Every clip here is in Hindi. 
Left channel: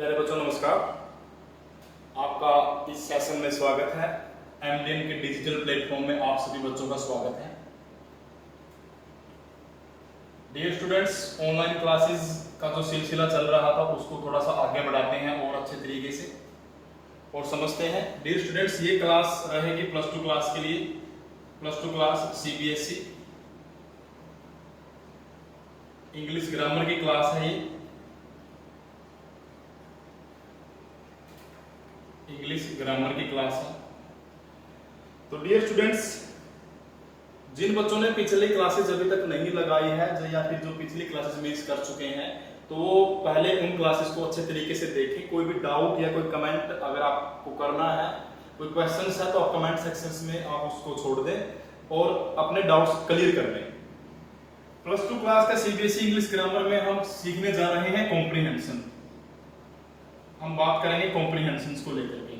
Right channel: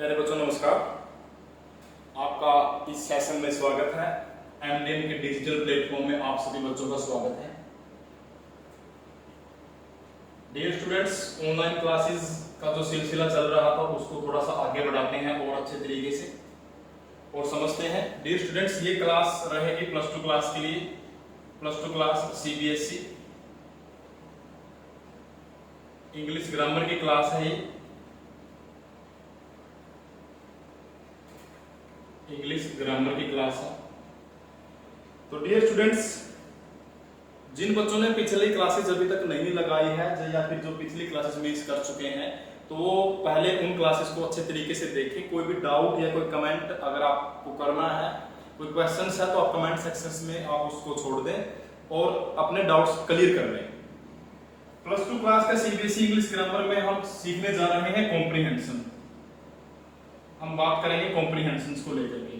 प्यारे बच्चों नमस्कार। आपका इस सेशन में स्वागत है। एमडीएन के डिजिटल प्लेटफॉर्म में आप सभी बच्चों का स्वागत है। डियर स्टूडेंट्स, ऑनलाइन क्लासेस का जो सिलसिला चल रहा था उसको थोड़ा सा आगे बढ़ाते हैं और अच्छे तरीके से और समझते हैं। डियर स्टूडेंट्स, ये क्लास रहेगी प्लस टू क्लास के लिए, plus two class CBSE English grammar की क्लास है। ये इंग्लिश ग्रामर की क्लास है। तो डियर स्टूडेंट्स, जिन बच्चों ने पिछली क्लासेस अभी तक नहीं लगाई है या फिर जो पिछली क्लासेस मिस कर चुके हैं, तो वो पहले उन क्लासेस को अच्छे तरीके से देखें। कोई भी डाउट या कोई कमेंट अगर आपको करना है, कोई क्वेश्चन है, तो आप कमेंट सेक्शन में आप उसको छोड़ दें और अपने डाउट्स क्लियर कर लें। प्लस टू क्लास का सीबीएसई इंग्लिश ग्रामर में हम सीखने जा रहे हैं कॉम्प्रिहेंशन। हम बात करेंगे कॉम्प्रिहेंशन को लेकर के।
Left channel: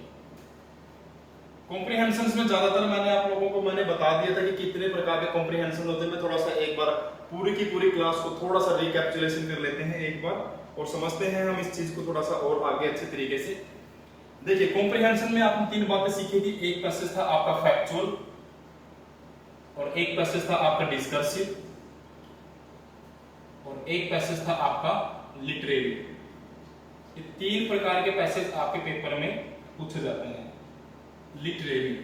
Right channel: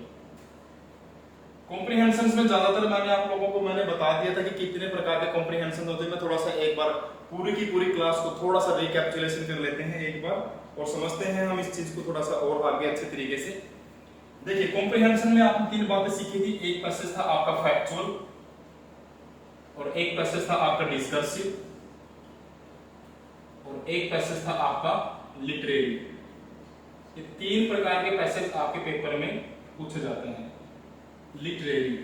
कॉम्प्रिहेंशन में ज्यादातर मैंने आप लोगों को बता दिया था कि कितने प्रकार के कॉम्प्रिहेंशन होते हैं। मैं थोड़ा सा एक बार पूरी की पूरी क्लास को थोड़ा सा रिकैप्चुलेशन कर लेते हैं एक बार और समझते हैं हम इस चीज को थोड़ा सा और आगे अच्छे तरीके से। देखिए, कॉम्प्रिहेंशन में आपने तीन बातें सीखी थी। एक पैसेज था आपका फैक्चुअल और एक पैसेज था आपका डिस्कर्सिव और एक पैसेज था आपका लिटरेरी। ये तीन प्रकार के पैसेज आपके पेपर में पूछे जाते हैं। लिटरेरी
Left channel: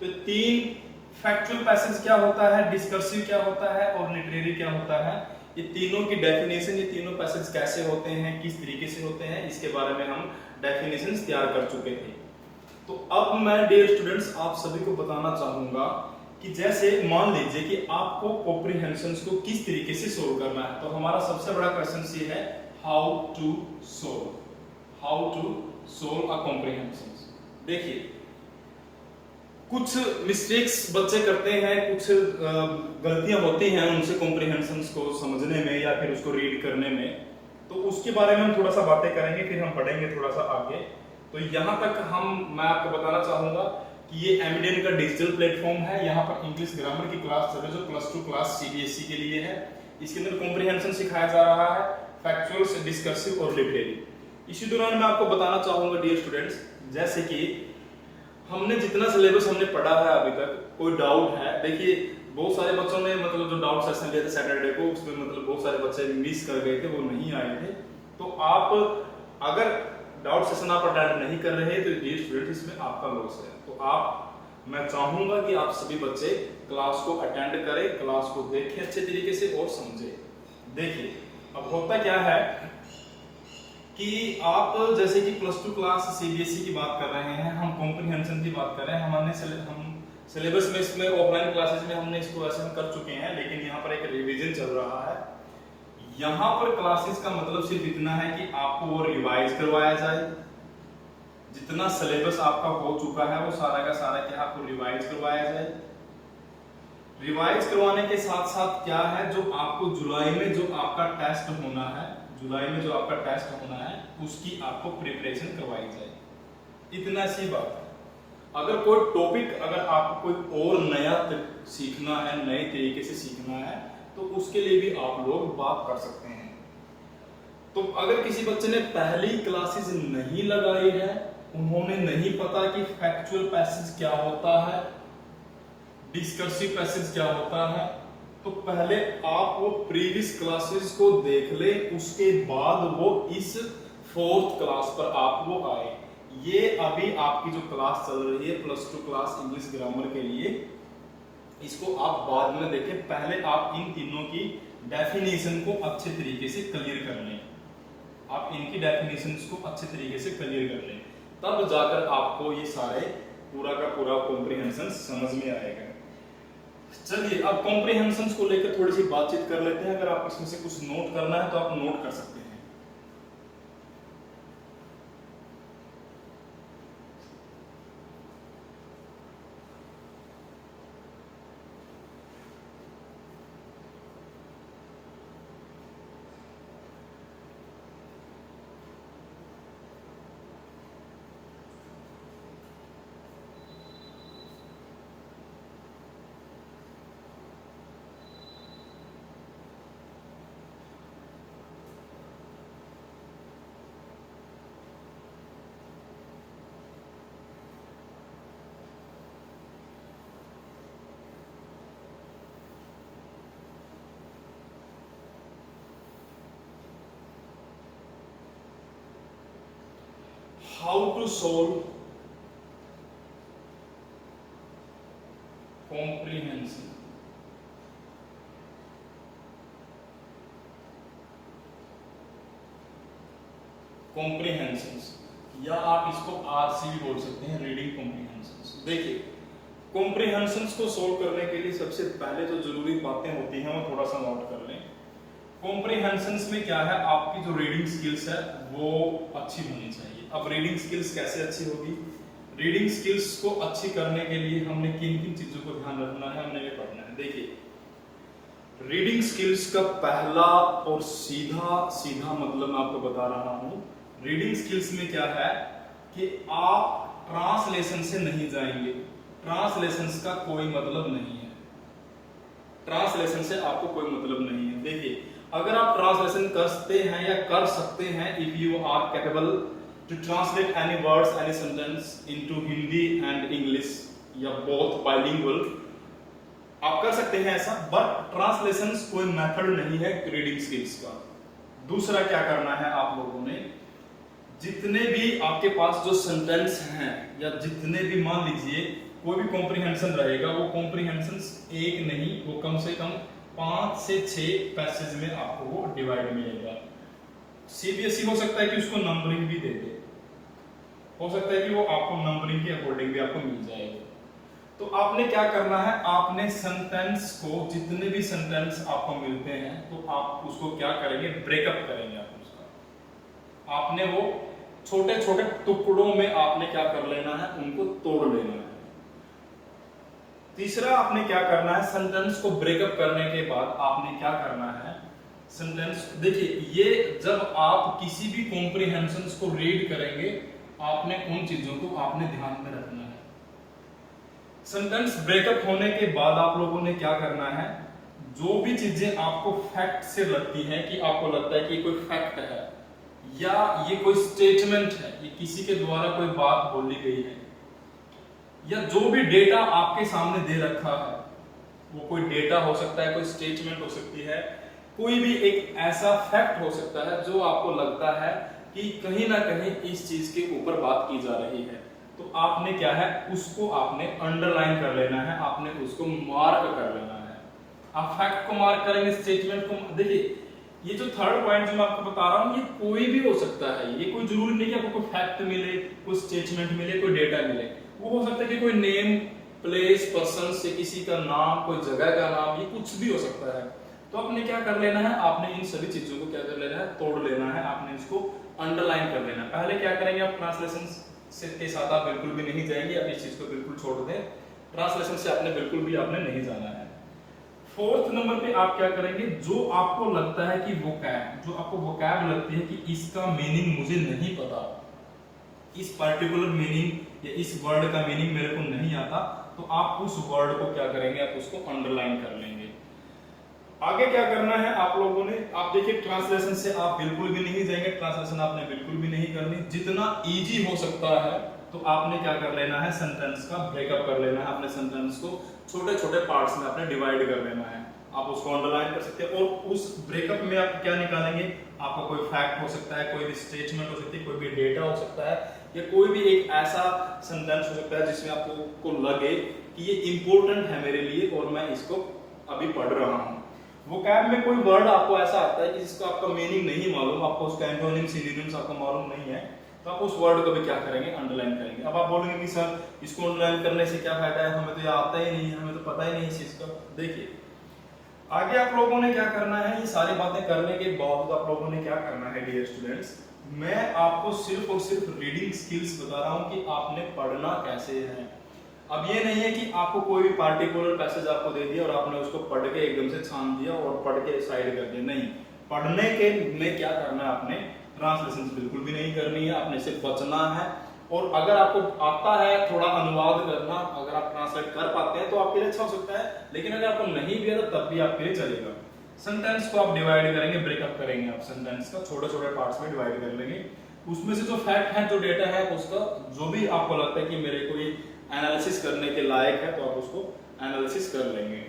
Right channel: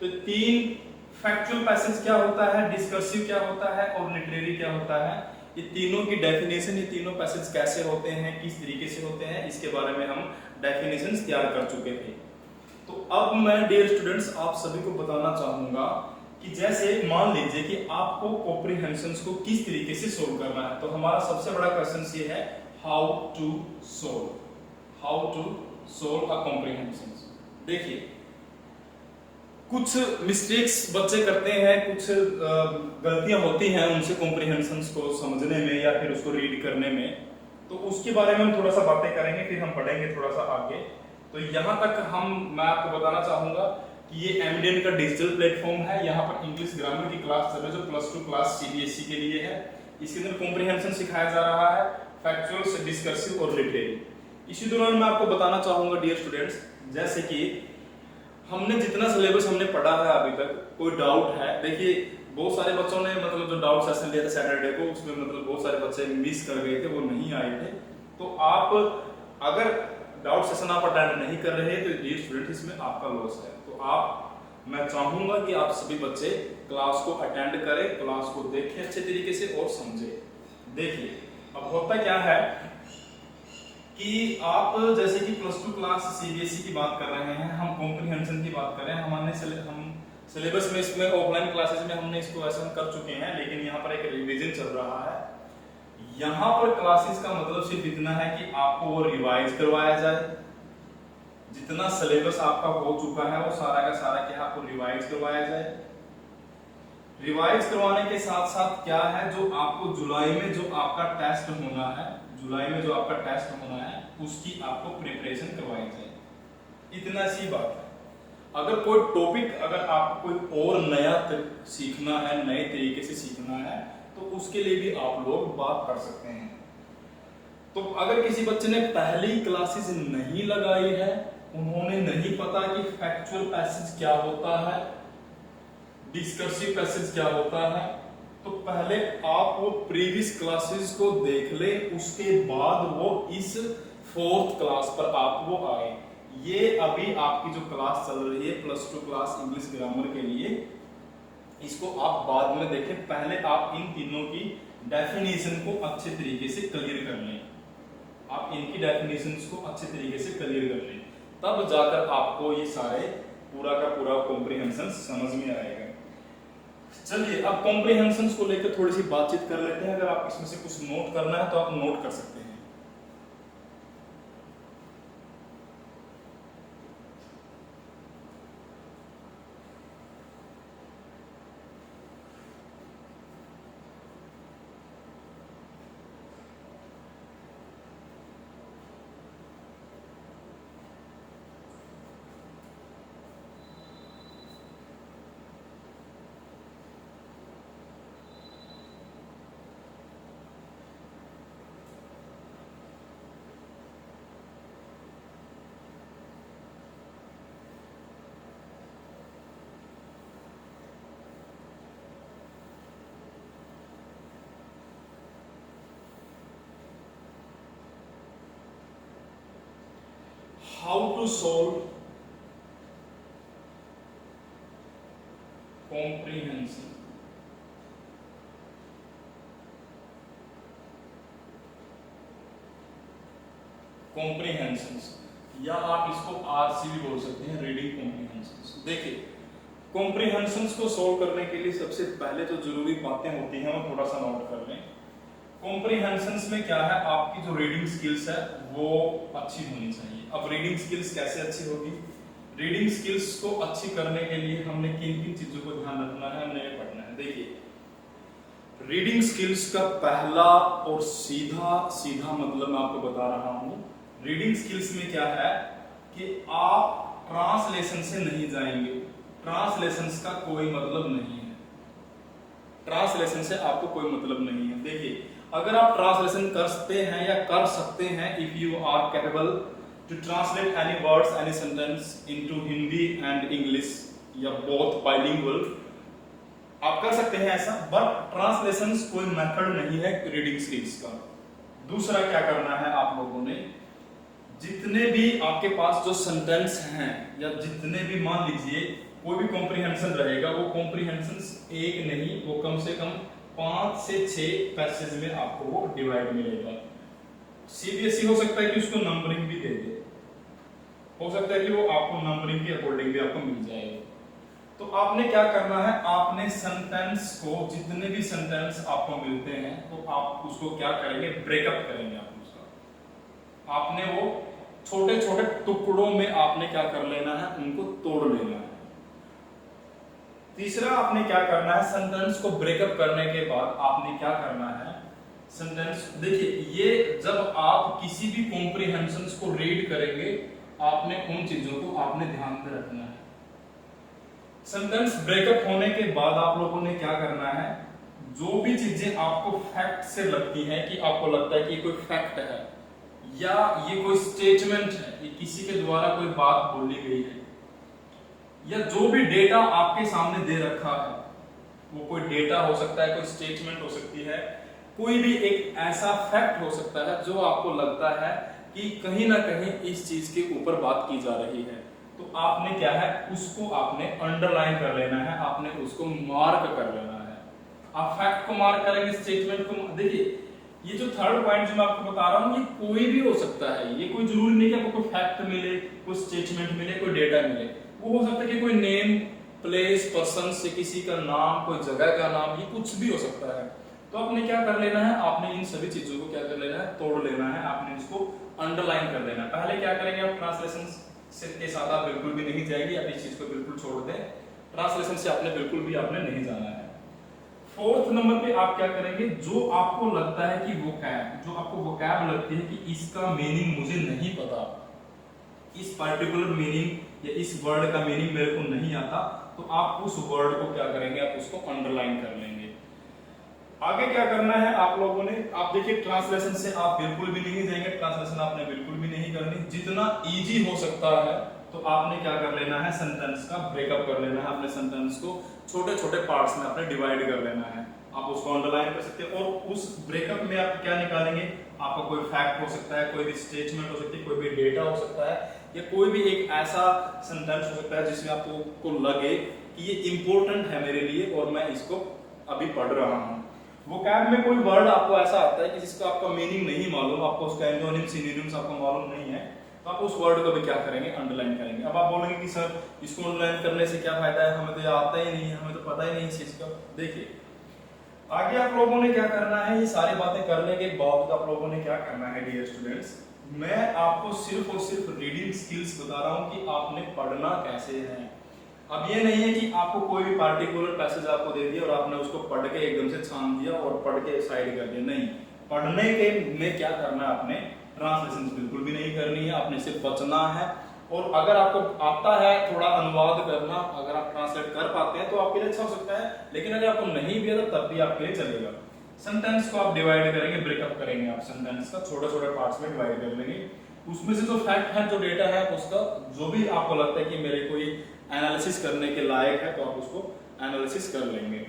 तो तीन फैक्चुअल पैसेज क्या होता है, डिस्कर्सिव क्या होता है और लिटरेरी क्या होता है, ये तीनों की डेफिनेशन, ये तीनों पैसेज कैसे होते हैं, किस तरीके से होते हैं, इसके बारे में हम डेफिनेशन तैयार कर चुके थे। तो अब मैं डियर स्टूडेंट्स आप सभी को बताना चाहूंगा कि जैसे मान लीजिए कि आपको कॉम्प्रिहेंशन को किस तरीके से सोल्व करना है। तो हमारा सबसे बड़ा क्वेश्चन ये है, how to solve a comprehension. देखिए, कुछ मिस्टेक्स बच्चे करते हैं, कुछ गलतियां होती हैं उनसे कॉम्प्रिहेंशन को समझने में या फिर उसको रीड करने में। तो उसके बारे में हम थोड़ा सा बातें करेंगे, फिर हम पढ़ेंगे थोड़ा सा आगे। तो यहां तक मैं आपको बताना चाहूंगा कि ये एमडीएन का डिजिटल प्लेटफॉर्म है। यहाँ पर इंग्लिश ग्रामर की क्लास चल रही है जो प्लस टू क्लास सीबीएसई के लिए है। इसके अंदर कॉम्प्रिहेंशन सिखाया जा रहा है, फैक्चुअल, डिस्कर्सिव और लिटरेरी। इसी दौरान मैं आपको बताना चाहूंगा डियर स्टूडेंट्स, जैसे कि हमने जितना सिलेबस हमने पढ़ा है अभी तक, कोई डाउट है, देखिए बहुत सारे बच्चों ने जो डाउट सेशन लिया था सैटरडे को, उसमें बहुत सारे बच्चे मिस कर गए थे, वो नहीं आए थे। तो आप अगर डाउट सेशन आप अटेंड नहीं कर रहे तो डियर स्टूडेंट इसमें आपका लॉस है। तो मैं चाहूंगा कि आप सभी बच्चे क्लास को अटेंड करें, क्लास को देखें अच्छे तरीके से और समझे। देखिए, अब होता क्या है कि आप जैसे कि प्लस टू क्लास सीबीएसई की बात कर रहे हैं, हम कॉम्प्रिहेंशन की बात कर रहे हैं। हम सिलेबस में इसमें ऑफलाइन क्लासेस में हमने इसको वैसे कर चुके हैं, लेकिन यहाँ पर एक रिवीजन चल रहा है। यहाँ पर क्लासेस का मतलब सिर्फ इतना है कि आपको वो रिवाइज करवाया जाए। जितना सिलेबस आपका हो चुका है वो सारा का सारा क्या आपको रिवाइज करवाया जाए। रिवाइज करवाने के साथ साथ क्या है, जो आपको जुलाई में जो आपका टेस्ट होना है, उसकी आपको प्रिपरेशन करवाई जाए। इतना सी बात है। अगर कोई टॉपिक अगर आपको कोई और नया सीखना है, नए तरीके से सीखना है, तो उसके लिए भी आप लोग बात कर सकते हैं। तो अगर किसी बच्चे ने पहली क्लासेस नहीं लगाई है, उन्होंने नहीं पता कि फैक्चुअल पैसेज क्या होता है, डिस्कर्सिव पैसेज क्या होता है, तो पहले आप वो प्रीवियस क्लासेस को देख ले, उसके बाद वो इस फोर्थ क्लास पर आप वो आए। ये अभी आपकी जो क्लास चल रही है plus two class English grammar के लिए, इसको आप बाद में देखें। पहले आप इन तीनों की डेफिनेशन को अच्छे तरीके से क्लियर कर लें। आप इनकी डेफिनेशन को अच्छे तरीके से क्लियर कर लें, तब जाकर आपको ये सारे पूरा का पूरा कॉम्प्रिहेंशन समझ में आएगा। चलिए, अब कॉम्प्रिहेंशन को लेकर थोड़ी सी बातचीत कर लेते हैं। अगर आप इसमें से कुछ नोट करना है तो आप नोट कर सकते हैं। How to solve comprehension. Comprehension या आप इसको आरसी भी बोल सकते हैं, रीडिंग कॉम्प्रीहेंशन। देखिए, कॉम्प्रीहेंशन को सोल्व करने के लिए सबसे पहले जो जरूरी बातें होती हैं वो थोड़ा सा नोट कर लें। कॉम्प्रीहेंशन में क्या है, आपकी जो रीडिंग स्किल्स है वो अच्छी होनी चाहिए। अब रीडिंग स्किल्स कैसे अच्छी होगी? रीडिंग स्किल्स को अच्छी करने के लिए हमने किन किन चीजों को ध्यान रखना है, हमने ये पढ़ना है। देखिए, रीडिंग स्किल्स का पहला और सीधा मतलब मैं आपको बता रहा हूं। रीडिंग स्किल्स में क्या है कि आप ट्रांसलेशन से नहीं जाएंगे। ट्रांसलेशन का कोई मतलब नहीं है। ट्रांसलेशन से आपको कोई मतलब नहीं है। देखिए, अगर आप ट्रांसलेशन करते हैं या कर सकते हैं, if you are capable to translate any words any sentence into Hindi and English या बोथ बाइलिंगुअल, आप कर सकते हैं ऐसा। बट ट्रांसलेशन कोई मेथड नहीं है रीडिंग स्किल्स का। दूसरा क्या करना है, आप लोगों ने जितने भी आपके पास जो सेंटेंस हैं या जितने भी, मान लीजिए कोई भी कॉम्प्रीहेंशन रहेगा, वो कॉम्प्रीहेंशन एक नहीं, वो कम से कम 5 से 6 पैसेज में आपको वो डिवाइड मिलेगा। सीबीएसई हो सकता है कि उसको नंबरिंग भी दे दे, हो सकता है कि वो आपको नंबरिंग के अकॉर्डिंग भी आपको मिल जाएगा। तो आपने क्या करना है, आपने सेंटेंस को, जितने भी सेंटेंस आपको मिलते हैं, तो आप उसको क्या करेंगे, ब्रेकअप करेंगे। आप उसका आपने वो छोटे छोटे टुकड़ों में आपने क्या कर लेना है, उनको तोड़ लेना है। तीसरा आपने क्या करना है, सेंटेंस को ब्रेकअप करने के बाद आपने क्या करना है, सेंटेंस, देखिए ये जब आप किसी भी कॉम्प्रीहेंशन को रीड करेंगे, आपने उन चीजों को आपने ध्यान में रखना है। सेंटेंस ब्रेकअप होने के बाद आप लोगों ने क्या करना है, जो भी चीजें आपको फैक्ट से लगती है, कि आपको लगता है कि कोई फैक्ट है या ये कोई स्टेटमेंट है, ये किसी के द्वारा कोई बात बोली गई है, या जो भी डेटा आपके सामने दे रखा है, वो कोई डेटा हो सकता है, कोई स्टेटमेंट हो सकती है, कोई भी एक ऐसा फैक्ट हो सकता है जो आपको लगता है कि कहीं ना कहीं इस चीज के ऊपर बात की जा रही है, तो आपने क्या है, उसको आपने अंडरलाइन कर लेना है, आपने उसको मार्क कर लेना है। आप फैक्ट को मार्क करेंगे, स्टेटमेंट को। देखिए, ये जो थर्ड पॉइंट जो मैं आपको बता रहा हूँ, ये कोई भी हो सकता है, ये कोई जरूरी नहीं कि आपको कोई फैक्ट मिले, कोई स्टेटमेंट मिले, कोई डेटा मिले। वो हो सकता है कि कोई नेम, प्लेस, पर्सन से किसी का नाम, कोई जगह का नाम, ये कुछ भी हो सकता है। तो आपने क्या कर लेना है, आपने इन सभी चीजों को क्या कर लेना है, तोड़ लेना है, आपने इसको अंडरलाइन कर लेना है। पहले क्या करेंगे, आप ट्रांसलेशन से के साथ आप बिल्कुल भी नहीं जाएंगे, आप इस चीज को बिल्कुल छोड़ दें। ट्रांसलेशन से आपने बिल्कुल भी आपने नहीं जाना है। फोर्थ नंबर पे आप क्या करेंगे, जो आपको लगता है कि वोकैब, जो आपको वोकैब लगती है कि इसका मीनिंग मुझे नहीं पता, इस पर्टिकुलर मीनिंग या इस वर्ड का मीनिंग मेरे को नहीं आता, तो आप उस वर्ड को क्या करेंगे, आप उसको अंडरलाइन कर लेंगे। आगे क्या करना है आप लोगों ने, आप देखिए ट्रांसलेशन से आप बिल्कुल भी नहीं जाएंगे, ट्रांसलेशन आपने बिल्कुल भी नहीं करनी। जितना इजी हो सकता है तो आपने क्या कर लेना है, सेंटेंस का ब्रेकअप कर लेना है, अपने सेंटेंस को छोटे छोटे पार्ट्स में आपने डिवाइड कर लेना है। आप उसको अंडरलाइन कर सकते हैं और उस ब्रेकअप में आप क्या निकालेंगे, आपका कोई फैक्ट हो सकता है, कोई भी स्टेटमेंट हो सकती है, कोई भी डेटा हो सकता है, या कोई भी एक ऐसा सेंटेंस हो सकता है जिसमें आपको लगे कि ये इंपॉर्टेंट है मेरे लिए और मैं इसको अभी पढ़ रहा हूँ। वोकैब में कोई वर्ड आपको ऐसा आता है कि जिसका आपका मीनिंग नहीं मालूम, आपको उसका एंटोनिम, सिनोनिम्स आपको मालूम नहीं है, तो आप उस वर्ड को भी क्या करेंगे, अंडरलाइन करेंगे। अब आप बोलेंगे कि सर इसको अंडरलाइन करने से क्या फायदा है, हमें तो ये आता ही नहीं है, हमें तो पता ही नहीं इस चीज का। देखिए, आगे आप लोगों ने क्या करना है, ये सारी बातें करने के बाद आप लोगों ने क्या करना है डियर स्टूडेंट्स, मैं आपको सिर्फ और सिर्फ रीडिंग स्किल्स बता रहा हूं कि आपने पढ़ना कैसे है। अब ये नहीं है कि आपको कोई भी पार्टिकुलर पैसेज आपको दे दिया और आपने उसको पढ़ के एकदम से छान दिया और पढ़ के साइड कर दिया। नहीं, पढ़ने के में क्या करना है, आपने ट्रांसलेशन बिल्कुल भी नहीं करनी है, आपने से बचना है। और अगर आपको आता है थोड़ा अनुवाद करना, अगर आप ट्रांसलेट कर पाते हैं तो आपके लिए अच्छा हो सकता है, लेकिन अगर आपको नहीं भी है तो तब भी आपके लिए चलेगा। सेंटेंस को आप डिवाइड करेंगे, ब्रेकअप करेंगे, आप सेंटेंस का छोटे छोटे पार्ट्स में डिवाइड कर लेंगे। उसमें से जो फैक्ट है, जो डेटा है, उसका जो भी आपको लगता है कि मेरे को ये एनालिसिस करने के लायक है, तो आप उसको एनालिसिस कर लेंगे।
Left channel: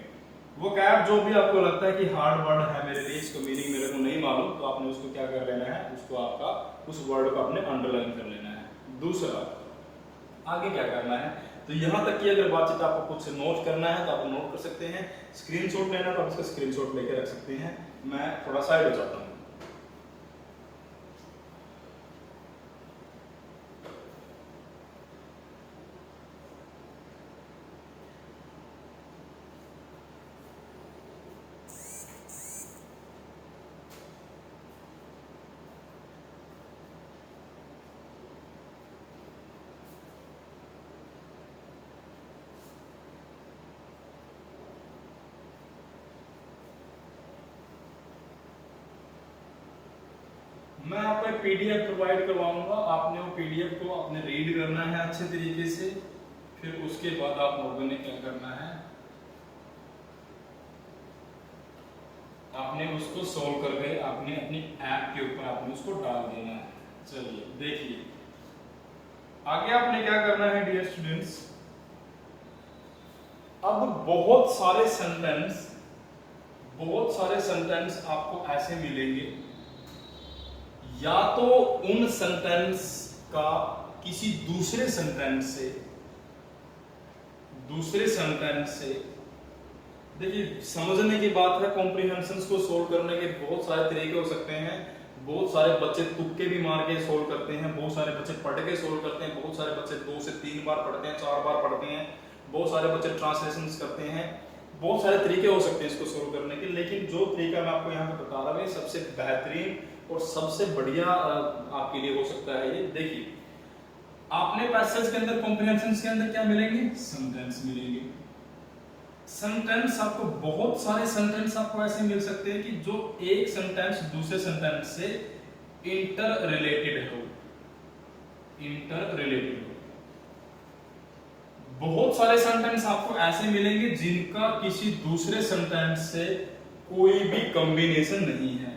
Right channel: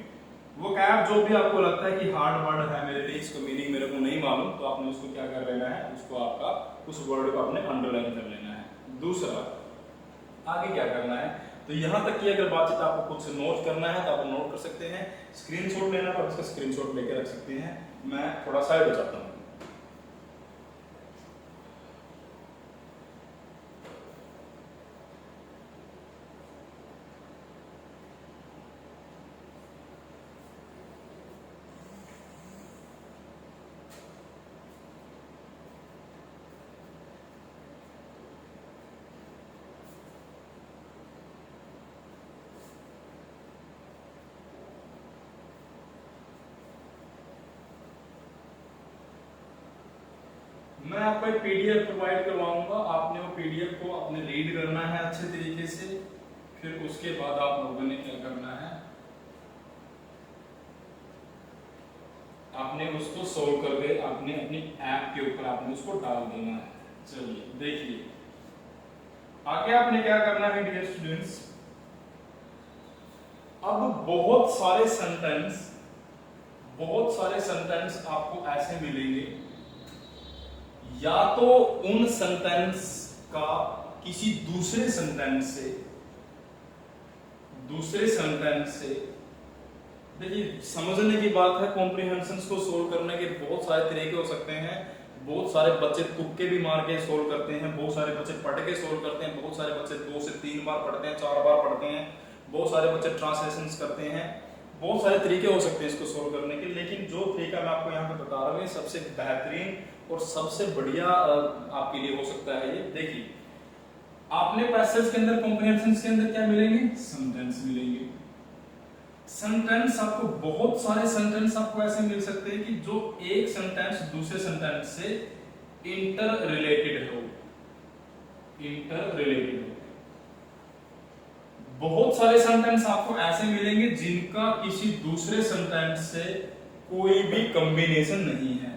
वो कैब जो भी आपको लगता है कि हार्ड वर्ड है मेरे लिए, इसका मीनिंग मेरे को नहीं मालूम, तो आपने उसको क्या कर लेना है, उसको आपका उस वर्ड को आपने अंडरलाइन कर लेना है। दूसरा, आगे क्या करना है, तो यहां तक की अगर बातचीत आपको कुछ नोट करना है तो आप नोट कर सकते हैं, स्क्रीनशॉट लेना तो आप इसका स्क्रीनशॉट लेके रख सकते हैं। मैं थोड़ा साइड हो जाता हूं। मैं आपको एक पीडीएफ प्रोवाइड करवाऊंगा, आपने वो पीडीएफ को आपने रीड करना है अच्छे तरीके से, फिर उसके बाद आप लोगों ने क्या करना है, आपने उसको सोल्व कर दे, आपने अपनी ऐप के ऊपर आपने उसको डाल देना है। चलिए देखिए आगे आपने क्या करना है डियर स्टूडेंट्स। अब बहुत सारे सेंटेंस आपको ऐसे मिलेंगे, या तो उन सेंटेंस का किसी दूसरे सेंटेंस से देखिए समझने की बात है, कॉम्प्रिहेंशन को सोल्व करने के बहुत सारे तरीके हो सकते हैं। बहुत सारे बच्चे तुक्के भी मार के सोल्व करते हैं, बहुत सारे बच्चे पढ़ के सोल्व करते हैं, बहुत सारे बच्चे 2 से 3 बार पढ़ते हैं, 4 बार पढ़ते हैं, बहुत सारे बच्चे ट्रांसलेशन करते हैं। बहुत सारे तरीके हो सकते हैं इसको सोल्व करने के, लेकिन जो तरीका मैं आपको यहाँ पे बता रहा हूँ सबसे बेहतरीन और सबसे बढ़िया आपके लिए हो सकता है। ये देखिए आपने पैसेज के अंदर, कॉम्प्रिहेंशन के अंदर क्या मिलेंगे, सेंटेंस मिलेंगे। सेंटेंस आपको बहुत सारे सेंटेंस आपको ऐसे मिल सकते हैं कि जो एक सेंटेंस दूसरे सेंटेंस से इंटर रिलेटेड हो। बहुत सारे सेंटेंस आपको ऐसे मिलेंगे जिनका किसी दूसरे सेंटेंस से कोई भी कॉम्बिनेशन नहीं है,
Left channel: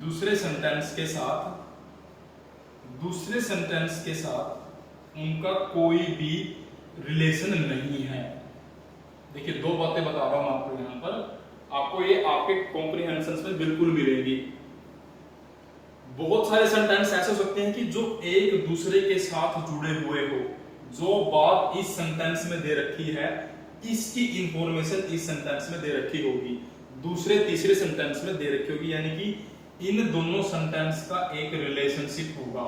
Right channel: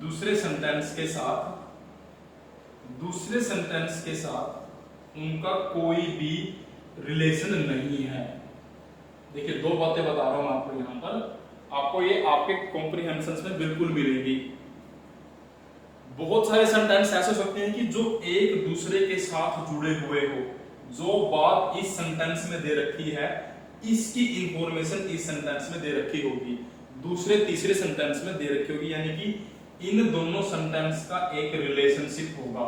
दूसरे सेंटेंस के साथ उनका कोई भी रिलेशन नहीं है। देखिए 2 बातें बता रहा हूं आपको यहां पर, आपको ये आपके कॉम्प्रिहेंशन में बिल्कुल मिलेंगी। बहुत सारे सेंटेंस ऐसे हो सकते हैं कि जो एक दूसरे के साथ जुड़े हुए हो, जो बात इस सेंटेंस में दे रखी है इसकी इंफॉर्मेशन इस सेंटेंस में दे रखी होगी, दूसरे तीसरे सेंटेंस में दे रखी होगी, यानी कि इन दोनों सेंटेंस का एक रिलेशनशिप होगा।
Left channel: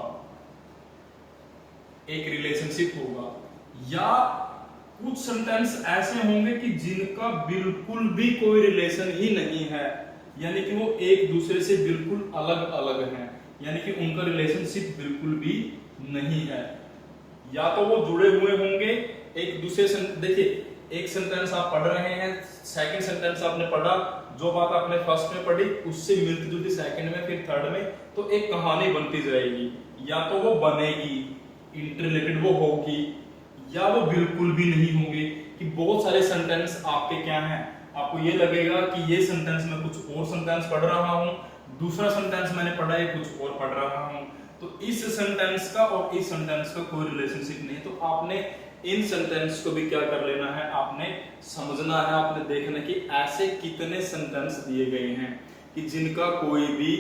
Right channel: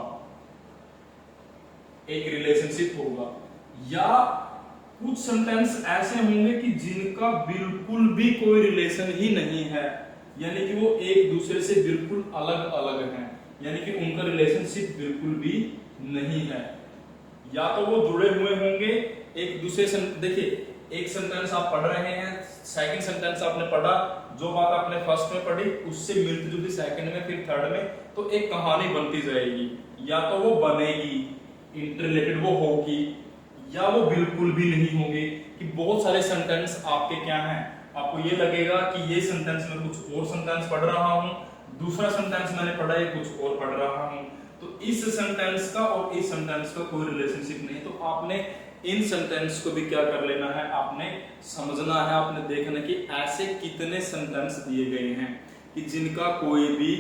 या कुछ सेंटेंस ऐसे होंगे कि जिनका बिल्कुल भी कोई रिलेशन ही नहीं है, यानी कि वो एक दूसरे से बिल्कुल अलग अलग हैं, यानी कि उनका रिलेशनशिप बिल्कुल भी नहीं है। या तो वो जुड़े हुए होंगे एक दूसरे से, देखिए एक सेंटेंस आप पढ़ रहे हैं, सेकंड सेंटेंस आपने पढ़ा, जो बात आपने फर्स्ट में पढ़ी उससे मिलती जुलती सेकंड में, फिर थर्ड में, तो एक कहानी बनती जाएगी। या तो वो बनेगी, इंटररिलेटेड वो होगी, या वो बिल्कुल भी नहीं होंगे। कि बहुत सारे सेंटेंस आपके क्या हैं, आपको ये लगेगा कि ये सेंटेंस में कुछ और सेंटेंस पढ़ रहा हूं, दूसरा सेंटेंस मैंने पढ़ा है कुछ और पढ़ रहा हूं, तो इस सेंटेंस का और इस सेंटेंस का कोई रिलेशनशिप नहीं। तो आपने इन सेंटेंस को भी क्या कर लेना है, आपने समझना है, आपने देखना कि ऐसे कितने सेंटेंस दिए गए हैं कि जिनका कोई भी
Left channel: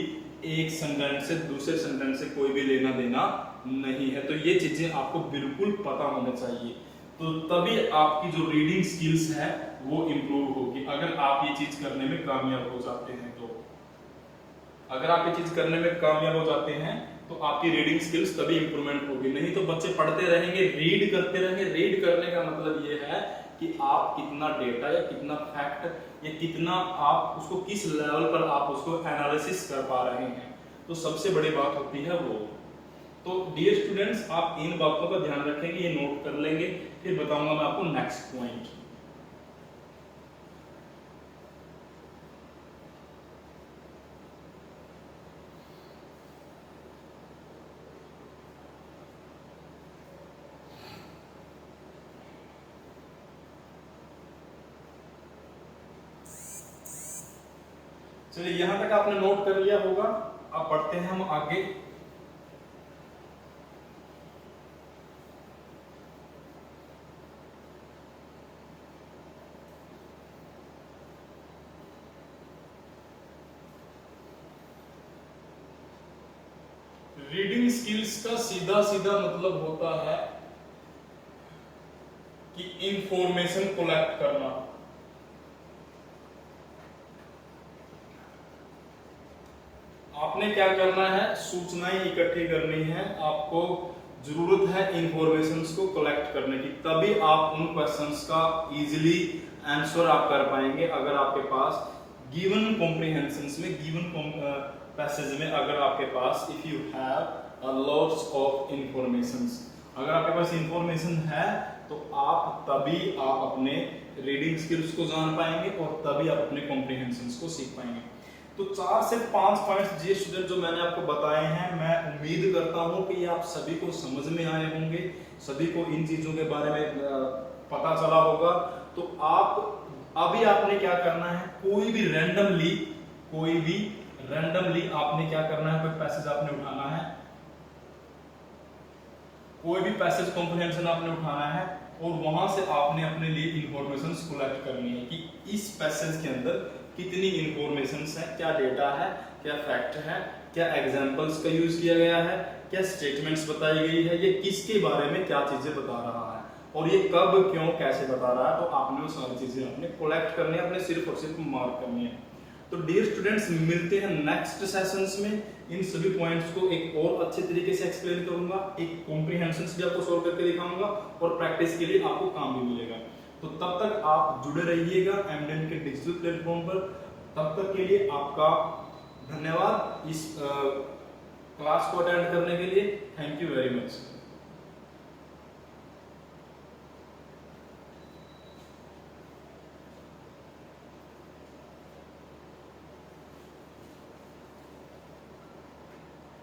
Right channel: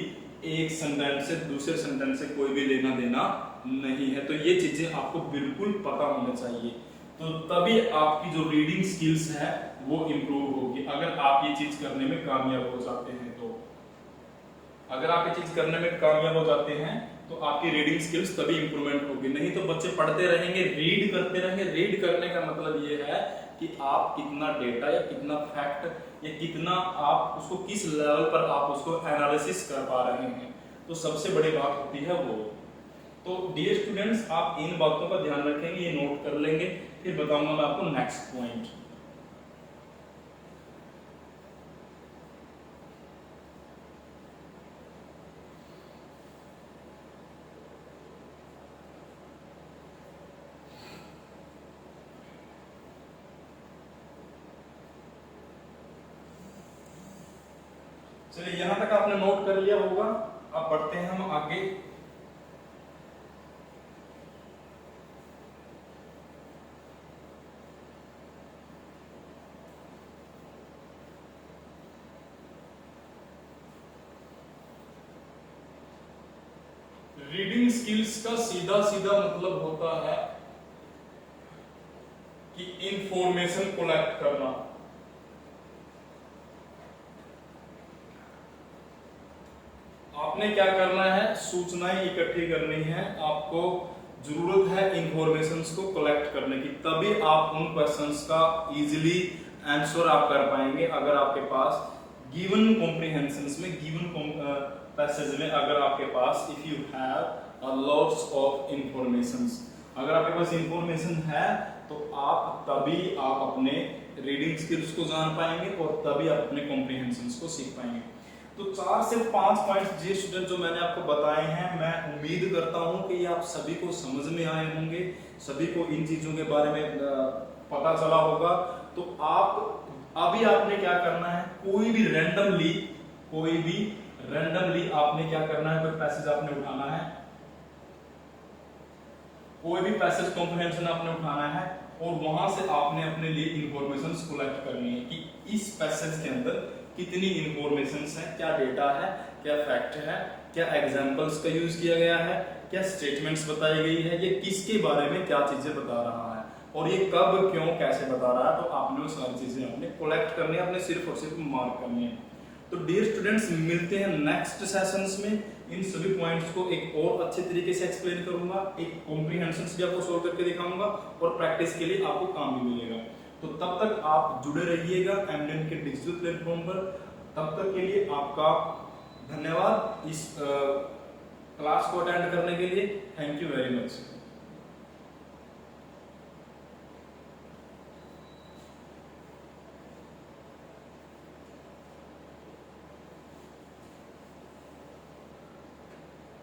एक सेंटेंस से दूसरे सेंटेंस से कोई भी लेना देना नहीं है। तो ये चीजें आपको बिल्कुल पता होना चाहिए, तो तभी आपकी जो रीडिंग स्किल्स है वो इंप्रूव होगी। अगर आप ये चीज करने में कामयाब हो जाते हैं तो, अगर आप ये चीज करने में कामयाब हो जाते हैं तो आपकी रीडिंग स्किल्स तभी इंप्रूवमेंट होगी। नहीं तो बच्चे पढ़ते रहेंगे, रीड करते रहेंगे। रीड करने का मतलब ये है कि आप कितना डेटा या कितना फैक्ट या कितना आप उसको किस लेवल पर आप उसको एनालिसिस कर पा रहे हैं, तो सबसे बड़ी बात होती है वो। तो डियर स्टूडेंट्स आप इन बातों का ध्यान रखेंगे, ये नोट कर लेंगे, फिर बताऊंगा मैं आपको नेक्स्ट पॉइंट। चलिए यहां तक आपने नोट कर लिया होगा, अब बढ़ते हैं हम आगे। रीडिंग स्किल्स का सीधा सीधा मतलब होता है कि इंफॉर्मेशन कलेक्ट करना। आपने क्या करना है, सूचनाएं इकट्ठी करनी है, आपको जरूरत है इंफॉर्मेशंस को कलेक्ट करने की, तभी आप उन क्वेश्चंस का इजीली आंसर आप कर पाएंगे। अगर आपके पास गिवन कॉम्प्रिहेंशंस में, गिवन पैसेज में अगर आपके पास if you have lots of informations, अगर आपके पास इंफॉर्मेशन है तो आप तभी आप अपने रीडिंग स्किल्स को जान पाएंगे और तभी आप अपने कॉम्प्रिहेंशंस को सीख पाएंगे। तो 4 से 5 पॉइंट्स जी स्टूडेंट जो मैंने आपको बताए हैं, मैं उम्मीद करता हूं कि आप सभी को समझ में आए होंगे, सभी को इन चीजों के बारे में पता चला होगा। तो आप अभी आपने क्या करना है, कोई भी रैंडमली आपने क्या करना है, कोई पैसेज आपने उठाना है, कोई भी पैसेज कॉम्प्रिहेंशन आपने उठाना है और वहां से आपने अपने लिए इंफॉर्मेशंस कलेक्ट करनी है कि इस पैसेज के अंदर कितनी इंफॉर्मेशंस है, क्या डेटा है, क्या फैक्ट है, क्या एग्जांपल्स का यूज किया गया है, क्या स्टेटमेंट्स बताई गई है, ये किसके बारे में क्या चीजें बता रहा है और ये कब क्यों कैसे बता रहा है। तो आपने वो सारी चीजें अपने कलेक्ट करनी है, अपने सिर्फ और सिर्फ मार्क करनी है। तो डियर स्टूडेंट्स, मिलते हैं नेक्स्ट सेशंस में। इन सभी पॉइंट्स को एक और अच्छे तरीके से एक्सप्लेन करूंगा, एक कॉम्प्रिहेंशंस भी आपको सोल्व करके दिखाऊंगा और प्रैक्टिस के लिए आपको काम भी मिलेगा। तो तब तक आप जुड़े रहिएगा एमडेन के डिजिटल प्लेटफॉर्म पर। तब तक के लिए आपका धन्यवाद इस क्लास को अटेंड करने के लिए। Thank you very much.